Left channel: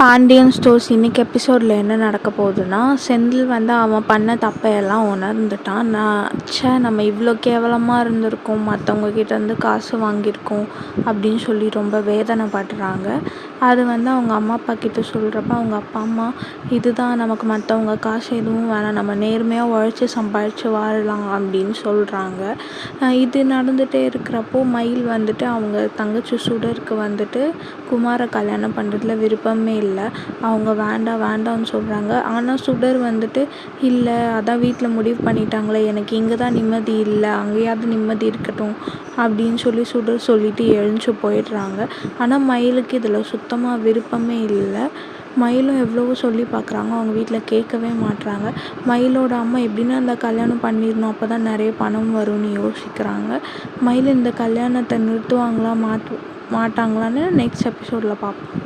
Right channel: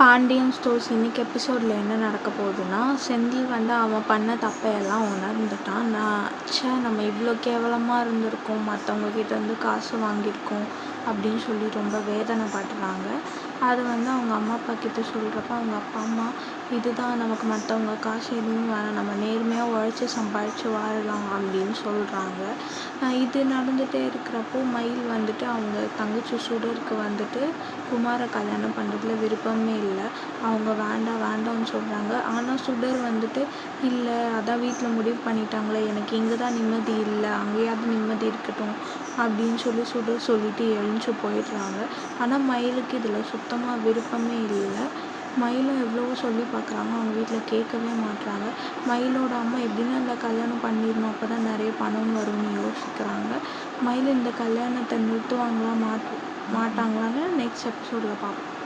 Pandian stores இன்னைக்கு எபிசோடில் என்ன நடக்க போகுதுன்னா, செந்தில் அவன் பண்ண தப்பையெல்லாம் உணர்ந்துட்டான். நம்ம இவ்வளோ கேவலமாக இருந்திருக்கோம், மற்றவங்க கிட்டேருந்து காசு வாங்கியிருக்கோம் அப்படின்னு சொல்லி ரொம்ப வேதனைப்படுறாங்க. அது அவங்க அம்மா அப்பா கிட்ட சொல்கிறப்ப அவங்க அப்பா அம்மா, இதுதான் நமக்கு மற்றவங்க காசு எதுவும் வேணாம், நம்ம நேர்மையாக உழைச்சி சம்பாதிச்சு வாழலாம் அப்படின்னு சொல்கிறாங்க. இது நடந்துகிட்டே இருக்கிறப்போ மயில் அவங்க தங்கச்சி சுடருக்கு குமாரை கல்யாணம் பண்ணுறதுல விருப்பமே இல்லை. அவங்க வேண்டாம் வேண்டாம்னு சொல்கிறாங்க. ஆனால் சுடர் இல்லை, அதான் வீட்டில் முடிவு பண்ணிட்டாங்களே, எனக்கு இங்கே தான் நிம்மதி இல்லை, அங்கேயாவது நிம்மதி இருக்கட்டும் அப்படின்னு சுடர் சொல்லிட்டு எழுந்து போயிடுறாங்க. ஆனால் மயிலுக்கு இதில் சுத்தமாக விருப்பமே இல்லை. மயிலும் எவ்வளவோ சொல்லி பார்க்குறாங்க, அவங்க வீட்டில் கேட்கவே மாட்டுறாங்க. மயிலோட அம்மா எப்படின்னா அந்த கல்யாணம் பண்ணிடணும், அப்போ தான் நிறைய பணம் வரும்னு யோசிக்கிறாங்க. மயில் இந்த கல்யாணத்தை நிறுத்துவாங்களா மாட்டாங்களான்னு நெக்ஸ்ட் எபிசோடில் பார்ப்போம்.